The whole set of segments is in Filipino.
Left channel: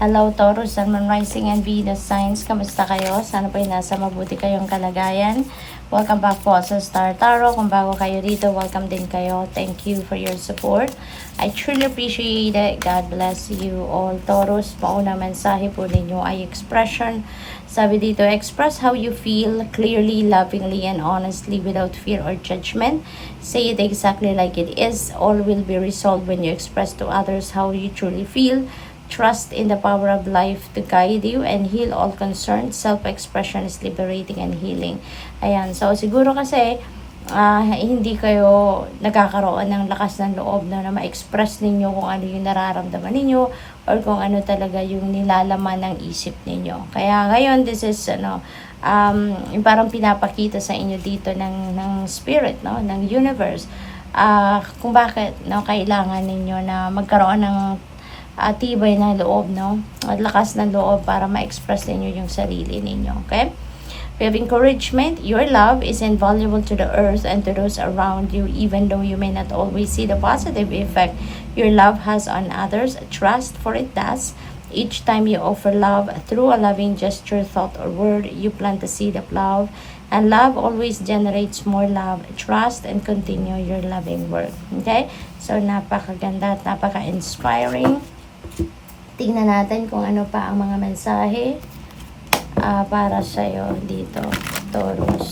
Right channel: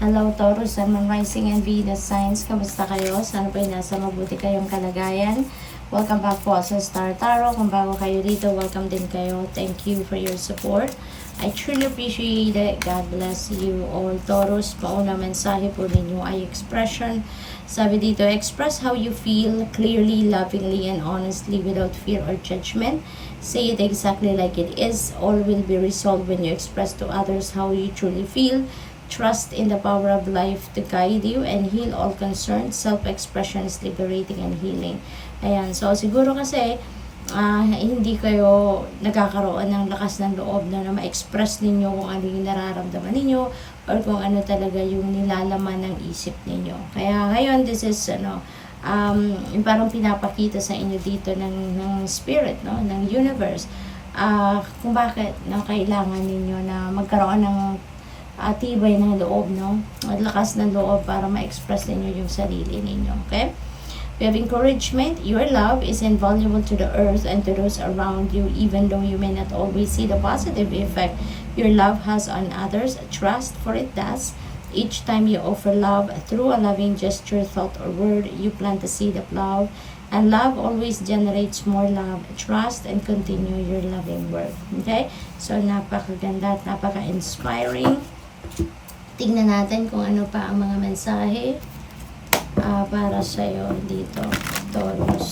Hello Taurus, Sun, Moon, Rising, and Venus signs. Kamusta kayo? Sana po'y nasa mabuti kayong kalagayan. Welcome back po sa Star Tarot. Kung bago kayo dito, welcome din kayo. Thank you for your support. I truly appreciate it. God bless you all. Taurus, mauna mensahe po ninyo ay expression. Sabi dito, express how you feel clearly, lovingly, and honestly without fear or judgment. Say it exactly like it is. All will be resolved when you express to others how you truly feel. Trust in the power of life to guide you and heal all concerns. Self-expression is liberating and healing. Ayan, so siguro kasi hindi kayo nagkakaroon ng lakas ng loob na ma-express ninyo kung ano yung nararamdaman ninyo or kung ano talaga yung nilalaman ng isip ninyo. Kaya ngayon, this is yung parang pinapakita sa inyo dito ng spirit, no, ng universe, kung bakit kailangan ninyo na magkaroon ng tibay na loob, no? At lakas ng loob para ma-express ninyo yung sarili ninyo, okay? We have encouragement. Your love is invaluable to the earth and to those around you, even though you may not always see the positive effect your love has on others. Trust, for it does. Each time you offer love through a loving gesture, thought, or word, you plant the seed of love. And love always generates more love. Trust and continue your loving work. Okay? So, napakaganda at napaka-inspiring. Tingnan natin kung ano pa ang mga mensahe para sa'yo dito, Taurus.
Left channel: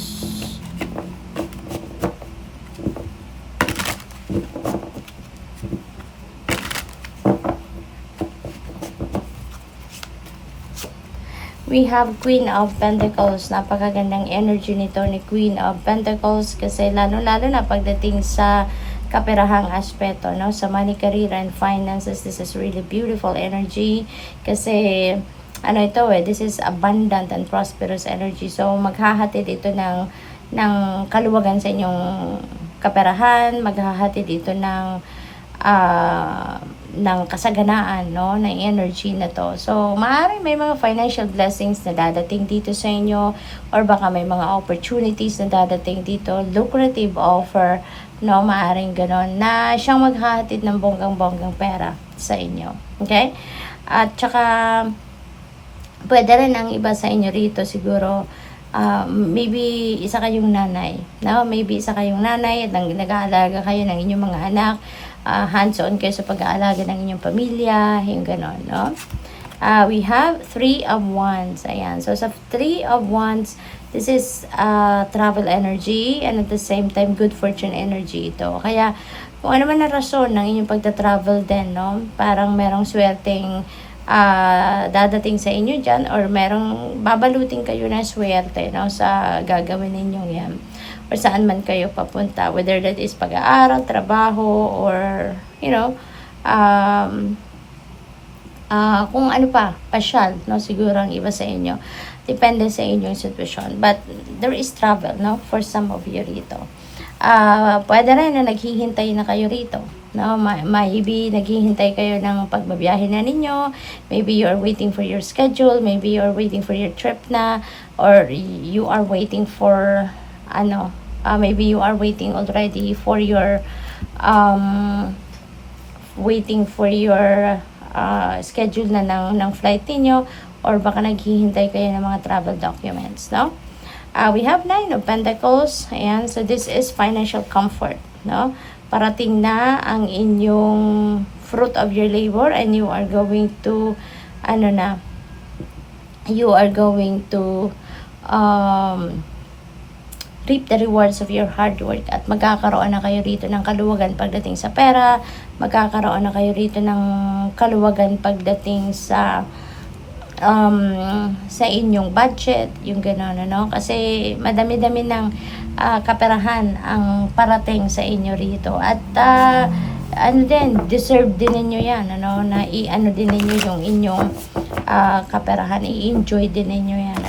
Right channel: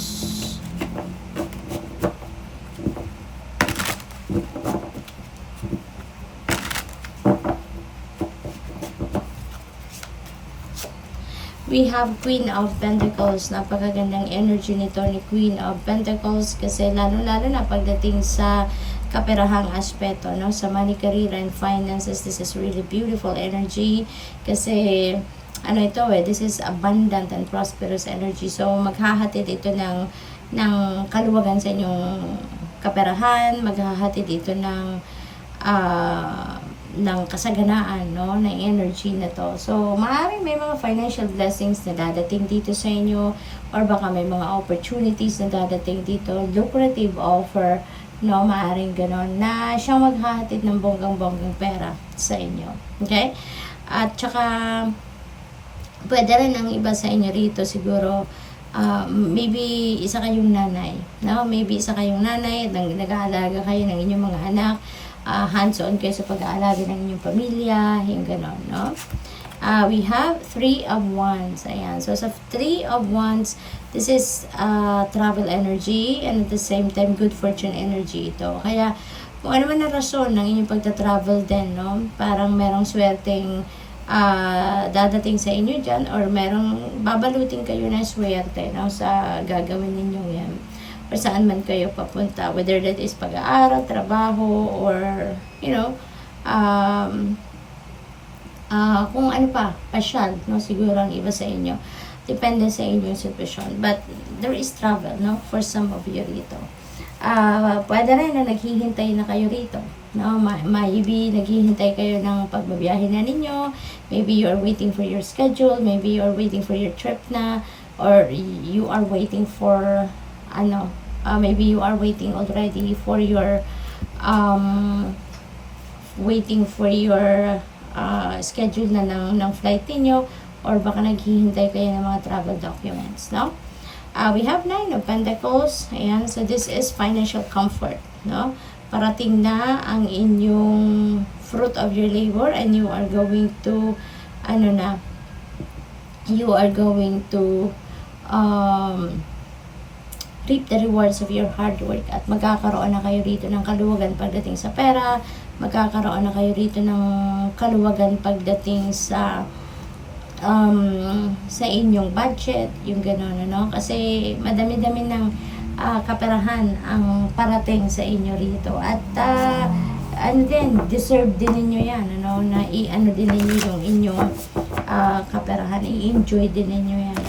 We have Queen of Pentacles. Napakagandang energy nito ni Queen of Pentacles kasi lalo-lalo na pagdating sa kaperahang aspeto, no? Sa money, career, and finances, this is really beautiful energy kasi this is abundant and prosperous energy. So maghahatid ito ng kaluwagan sa inyong kaperahan, maghahatid ito ng kasaganaan, no, ng energy na to. So maaaring may mga financial blessings na dadating dito sa inyo or baka may mga opportunities na dadating dito, lucrative offer, no, maaaring ganon na siyang maghahatid ng bonggang-bonggang pera sa inyo. Okay? At saka pwede rin ang iba sa inyo rito siguro, maybe isa kayong nanay, no? Maybe isa kayong nanay at nag-aalaga kayo ng inyong mga anak, hands-on kayo sa pag-aalaga ng inyong pamilya, yung ganon, no? We have 3 of Wands. Ayan. So, sa 3 of Wands, this is travel energy and at the same time, good fortune energy ito. Kaya, kung ano man ang rason ng inyong pagta-travel din, no? Parang merong swerteng dadating sa inyo dyan or merong babalutin kayo na swerte, no? Sa gagawin ninyong yan. Or saan man kayo papunta. Whether that is pag-aaral, trabaho, or, kung ano pa, pasyal, no? Siguro ang iba sa inyo. Depende sa inyong sitwasyon. But there is travel, no? For some of you rito. Pwede rin na naghihintay na kayo rito. No? Maybe naghihintay kayo ng pagbabiyahe na ninyo. Maybe you are waiting for your schedule. Maybe you are waiting for your trip na. Or you are waiting for, maybe you are waiting already for your, schedule na ng flight niyo or baka naghihintay kayo ng mga travel documents, no? We have 9 of Pentacles. Ayan, so this is financial comfort, no? Parating na ang inyong fruit of your labor and you are going to reap the rewards of your hard work at magkakaroon na kayo rito ng kaluwagan pagdating sa pera, magkakaroon na kayo rito ng kaluwagan pagdating sa inyong budget, yung gano'n, kasi madami-dami ng kaperahan ang parating sa inyo rito at deserve din ninyo yan, na din ninyo yung inyong kaperahan, i-enjoy din ninyo yan,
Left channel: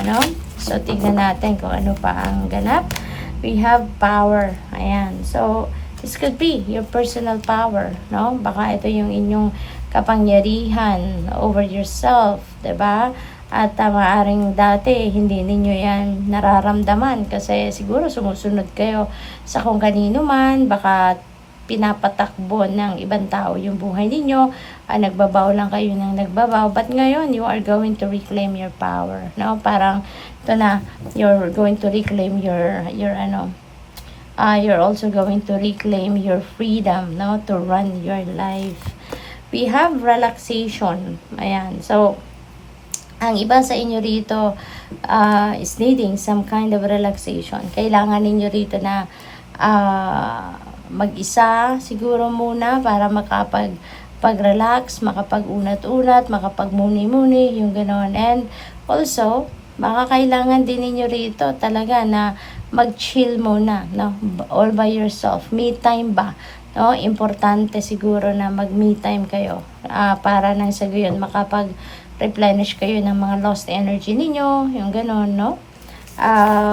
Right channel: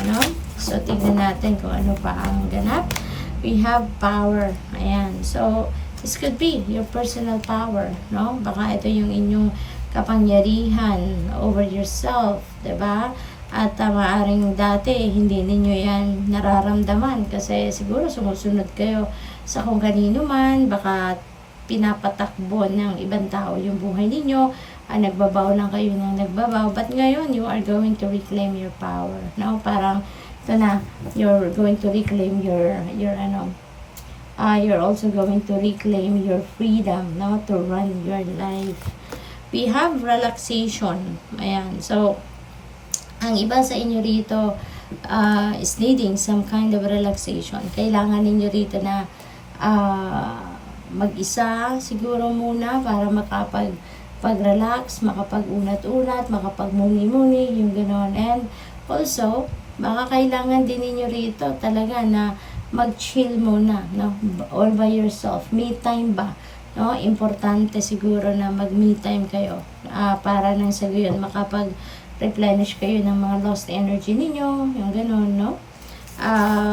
so tignan natin kung ano pa ang ganap. We have power. Ayan. So, this could be your personal power, no? Baka ito yung inyong kapangyarihan over yourself, 'di ba? At maaaring dati hindi ninyo yan nararamdaman kasi siguro sumusunod kayo sa kung kanino man, baka pinapatakbo ng ibang tao yung buhay ninyo, nagbabaw lang kayo ng nagbabaw, but ngayon you are going to reclaim your power, no? Parang ito na, you're going to reclaim your you're also going to reclaim your freedom, no, to run your life. We have relaxation. Ayan, so ang iba sa inyo rito is needing some kind of relaxation. Kailangan ninyo rito na mag-isa siguro muna para makapag-relax, makapag-unat-unat, makapag-muni-muni, yung gano'n. And also, baka kailangan din ninyo rito talaga na mag-chill muna, no? All by yourself. Me time ba? No? Importante siguro na mag-me time kayo para nang sa gayon makapag-replenish kayo ng mga lost energy ninyo, yung gano'n, no?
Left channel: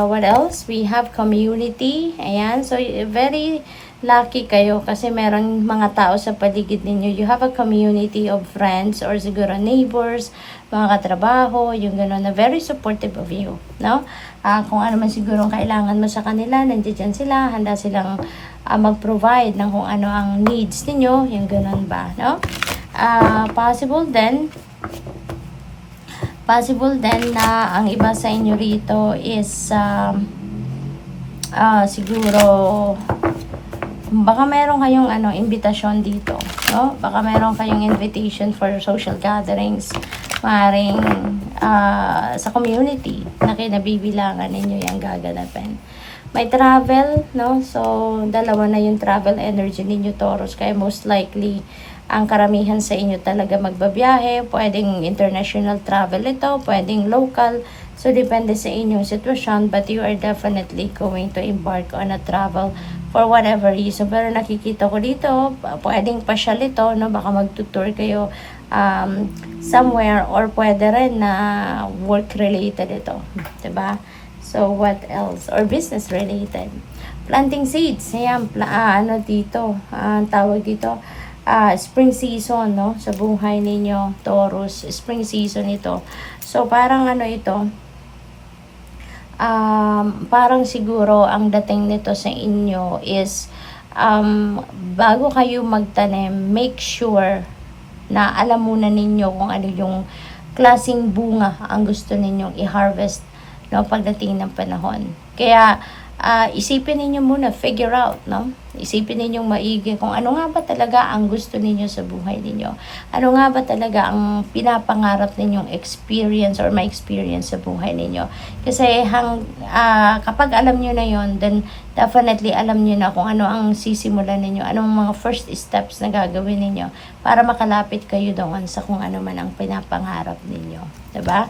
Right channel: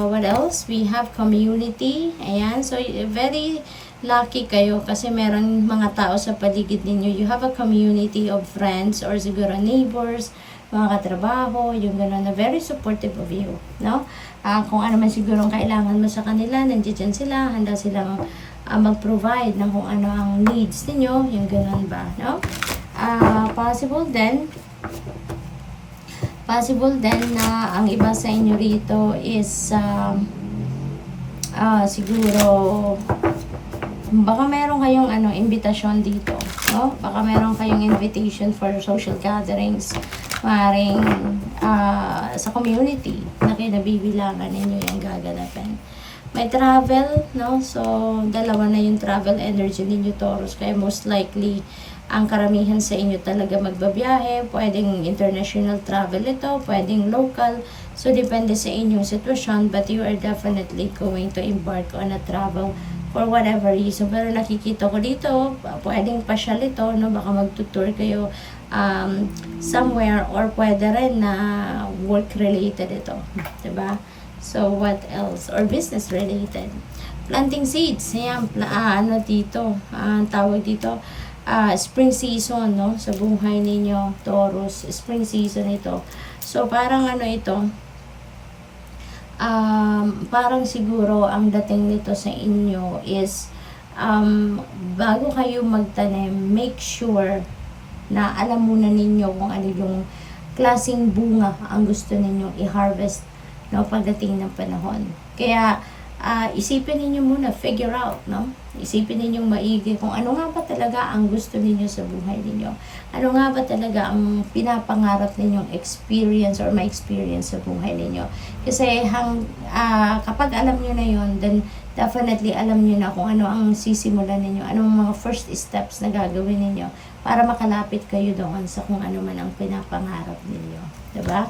What else? We have community. Ayan. So, very lucky kayo kasi meron mga tao sa paligid ninyo. You have a community of friends or siguro neighbors, mga katrabaho, yung gano'n na very supportive of you, no? Kung ano man siguro kailangan mo sa kanila, nandiyan sila, handa silang mag-provide ng kung ano ang needs ninyo, yung gano'n ba, no? Possible then na ang iba sa inyo rito is siguro baka meron kayong invitation dito, no? Baka meron kayong invitation for social gatherings, maaaring sa community na kinabibilangan ninyo yung gaganapin. May travel, no? So, dalawa na yung travel energy ninyo, Taurus, kaya most likely ang karamihan sa inyo talaga magbabiyahe. Pwedeng international travel ito, pwedeng local. So, depende sa inyong sitwasyon, but you are definitely going to embark on a travel for whatever reason. Pero nakikita ko dito, pwedeng pasyal ito, no? Baka magtutour kayo somewhere, or pwede rin na work-related ito. Diba? So, what else? Or business-related. Planting seeds. Ayan, dito, tawag dito, spring season, no? Sa buhay ninyo, Taurus, spring season ito. So, parang ito, parang siguro ang dating nito sa inyo is bago kayo magtanim, make sure na alam muna ninyo kung ano yung klaseng bunga ang gusto ninyong i-harvest, no, pagdating ng panahon. Kaya isipin ninyo muna, figure out, no? Isipin ninyong maigi kung ano nga ba talaga ang gusto ninyo sa buhay ninyo. Ano nga ba talaga ang pinapangarap ninyong experience or ma-experience sa buhay ninyo. Kasi kapag alam nyo na yon, then definitely alam nyo na kung ano ang sisimulan ninyo, anong mga first steps na gagawin ninyo para makalapit kayo doon sa kung ano man ang pinapangarap ninyo. Diba?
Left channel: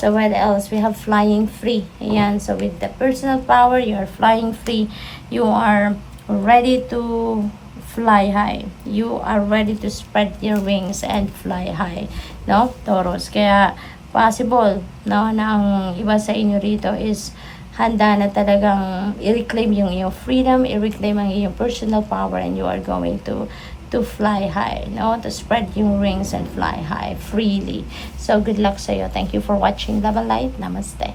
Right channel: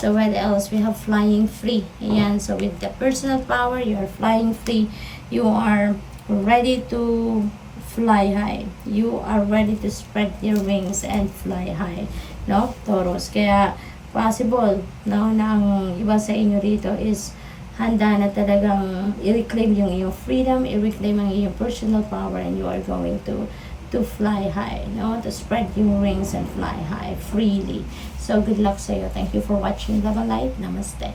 So, what else? We have flying free. Ayan. So, with the personal power, you're flying free. You are ready to fly high. You are ready to spread your wings and fly high. No? Taurus. Kaya, possible, no, na ang iba sa inyo rito is handa na talagang i-reclaim yung iyong freedom, i-reclaim ang iyong personal power, and you are going to fly high, no? To spread your wings and fly high freely. So, good luck sa iyo. Thank you for watching Love and Light. Namaste.